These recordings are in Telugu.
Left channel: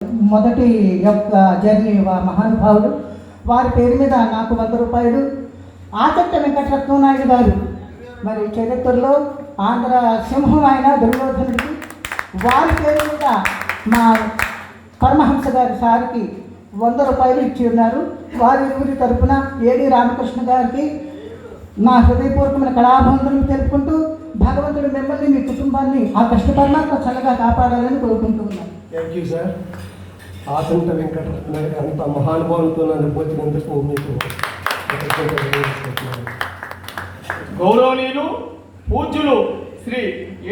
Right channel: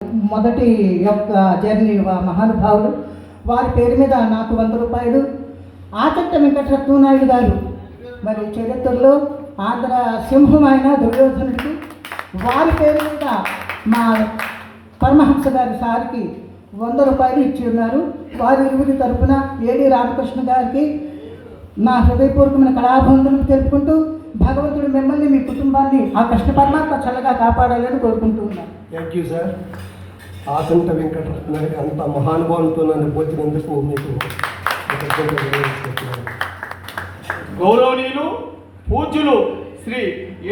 మొదటి యొక్క జర్నీ మహానుభావుడు, వారి పేరు మీద నాకు 100 రూపాయలు. ఆచట్ట వెంకటరత్నం నాయుడు గారు మరి చరిత్రలో ఆంధ్ర సింహం ఆయన దుర్యోధనుడికి, వారి పేరు మీద మా పరమహంస గారి సార్కి 100 రూపాయలు ఇచ్చి ఉన్నారు. వారి ఇరువురి తరఫున ఏడి రామకృష్ణ గారికి నా హృదయపూర్వకమైన కళాబంధులను తెలుపుకుంటూ భగవంతుడు మిమ్మల్ని మీ కుటుంబాన్ని ఆ కృష్ణ పరమాత్మ చల్లగా కాపాడాలని కోరుకుంటూ ఉన్నాను. Thank you sir. Achanta Venkataratna అంత మహానుభావులతో నన్ను పోల్చినందుకు మీకు గౌరవనీయులు పూజ్యులు శ్రీ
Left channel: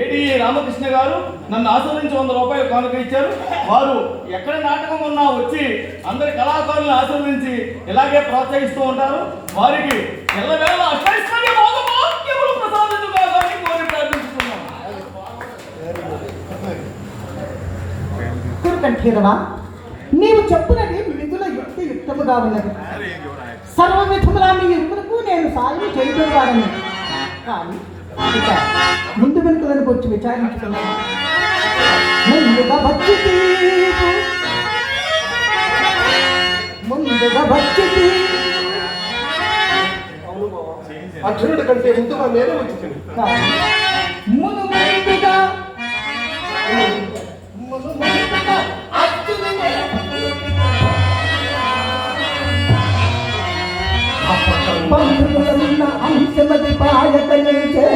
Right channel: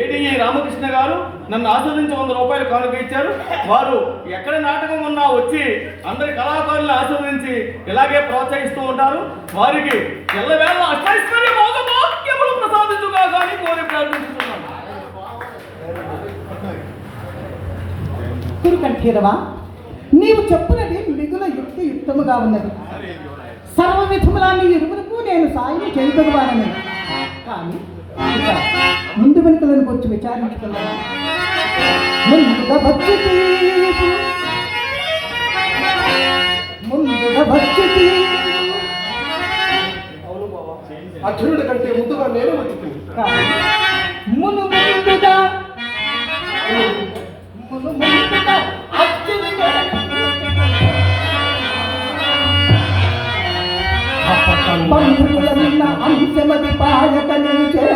ఏడి రామకృష్ణ గారు నన్ను ఆశీర్వదించి 100 రూపాయలు కానుక ఇచ్చారు. వారు ఎక్కడ నాటకం ఉన్నా వచ్చి అందరి కళాకారులను ఆశీర్వదించి ఇలాగే ప్రోత్సహిస్తూ ఉంటారు. వారికి ఎల్లవేళ అష్టైశ్వర్య భోగభాగ్యములు ప్రసాదించుగాని కోరి ప్రార్థిస్తున్నాను. కంఠీరవా, నీవు చెప్పునది మిగుల యుక్తియుక్తముగా ఉన్నది. సర్వ విధములా నీ ఇరువురకు నేను సాయం చేయగలవాడని, కానీ ఇక ముందు వెనుకలను వచ్చి విచారించుకున్నాను. ముందుగా వచ్చి అర్జునుడి కంటే ముందుగా నేనే వచ్చింది. అంశమతి పాయకలిచే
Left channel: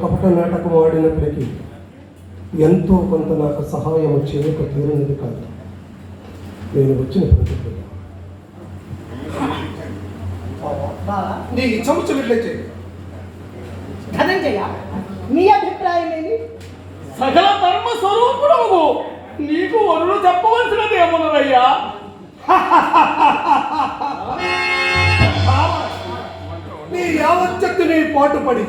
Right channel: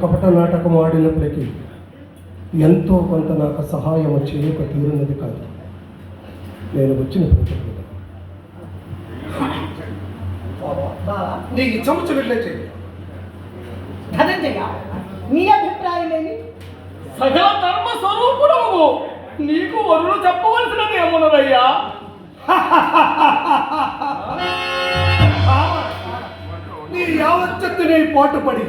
కపట నాటకం ఆడినప్పటికీ ఎంతో కొంత నాకు సహాయం చేయక తీరున్నది కాదు. నేను వచ్చిన నీ చెవుచున్నట్లయితే ధనంజయ, నీ అభిప్రాయం ఏమి? సకల ధర్మ స్వరూపుడవు నీకు వరులు చెప్పవలసినది ఏమన్నదయ్యా? నీ యావచ్చక్తిని పాటుపడి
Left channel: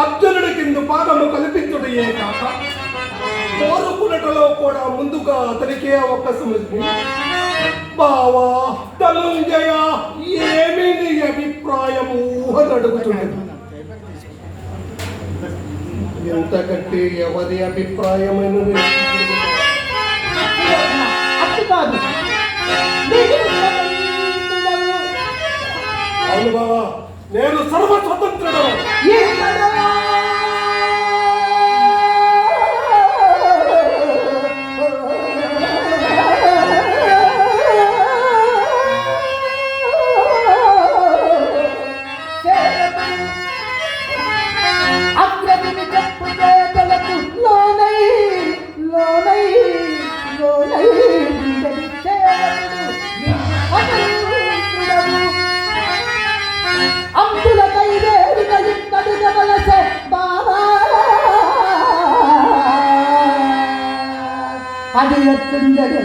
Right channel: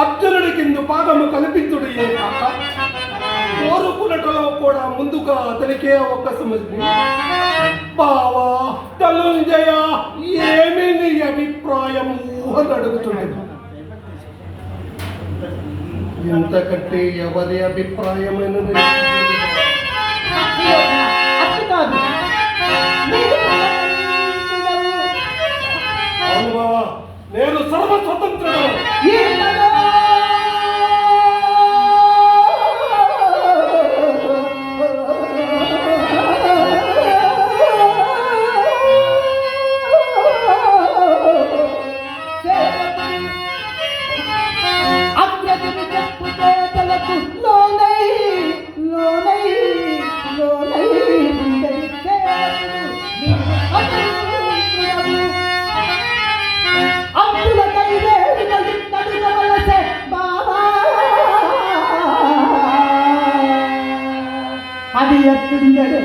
అర్జునుడి కింద పాదము కల్పించుడయ్యే కాక కోరుకున్నటలో కూడా ముందుగా అతనికే అవకాశం వచ్చింది. బావా ధనంజయ, ఏమి నీ అభిప్రాయము అని అడుగుతున్నది. ఇంతకంటే ఎవరి అభిప్రాయమైనది? అవును బావా, నేను సర్వ స్వతంత్రుడు. అంతుల కైవేడిన ఇత్తడి ఎట్లుండడు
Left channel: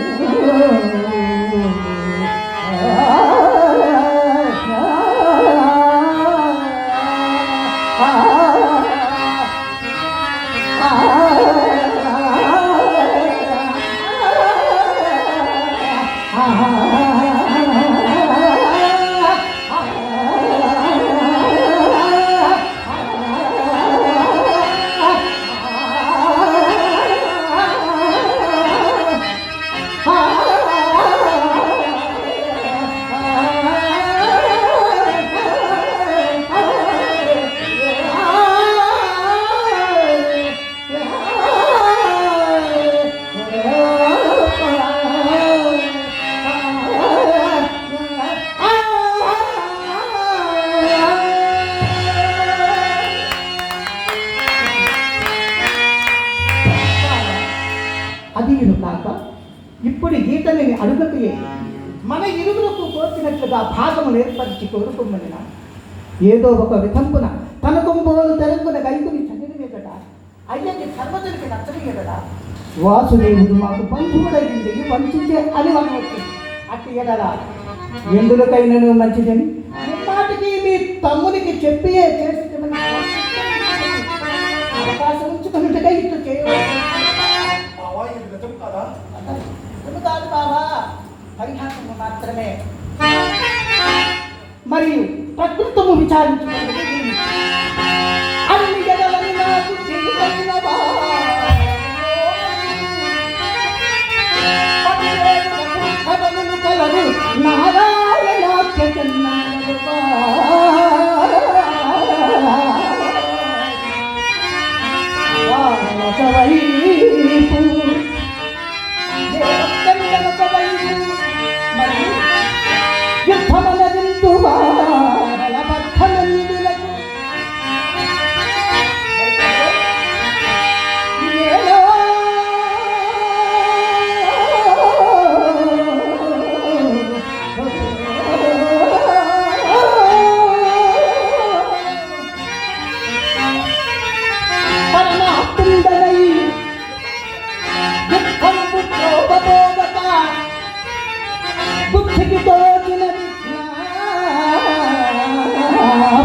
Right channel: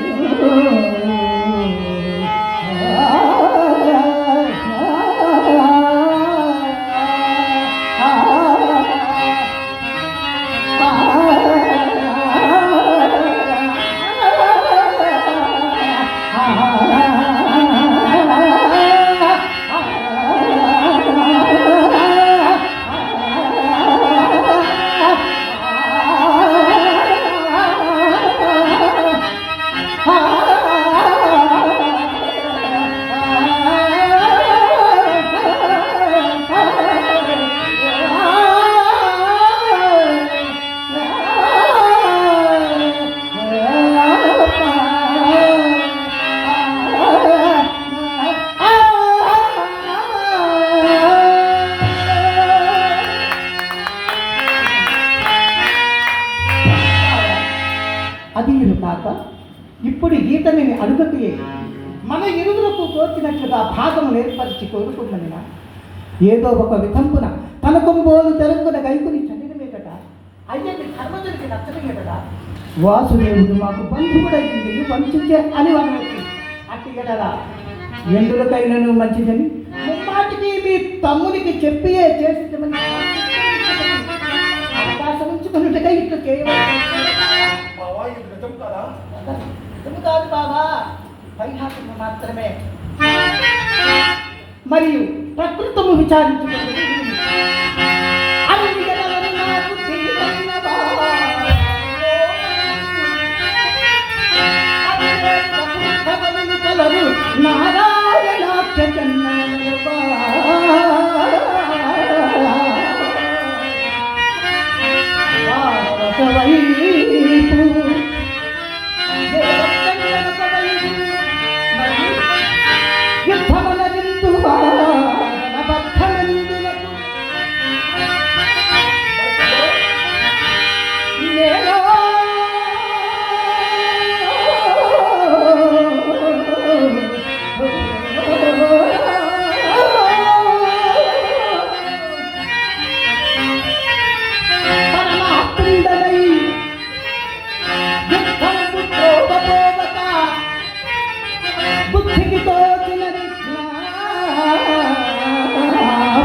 అది కాక ఇప్పుడు ఈతని అడుగుకే మన ఇరుగులకు కోర్చినట్లుగా భాగం ఏర్పరిచి కోరుకోమని ఏదో ఒక విధంపున తన కొంబోలు తెలంగున గైకుని చదివి మీదట అయ్యది ధర్మజుడికి నచ్చని ఎదట వాసుదేవుడు మాకు బంధువుడైంది పంచించే అని వాళ్ళు అట్టి ఎడరా ఎందులకైనను మంచిదని ముమ్మాటికి మీ తమ్మునికి చెప్పియే చేసించమని అవకాశం ఉంచుకున్నట్టుగా ఇట్లు చేయవచ్చు కాదు బాబా పరిహాసము మాత్రమే మరియు ప్రకృతము విచారించుకుంటుంది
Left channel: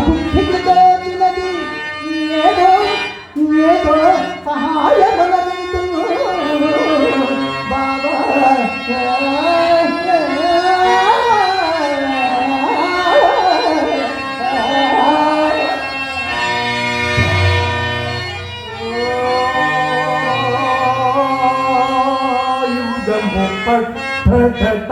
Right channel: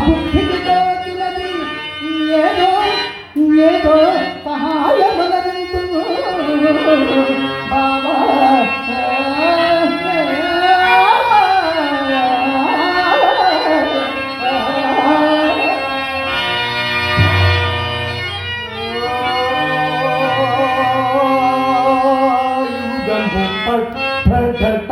బుద్ధికి తోచినది ఏదో ఏదో సహాయమనందు బాబా పట్ట